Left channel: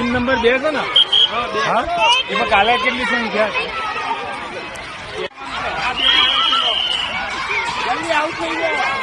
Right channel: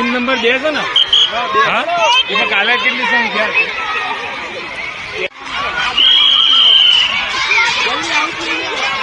Team number 2 છે ને? હા, એમાં કાલે કેટલી સંખ્યા? જલ્દી આઉટ થઈ ગયા.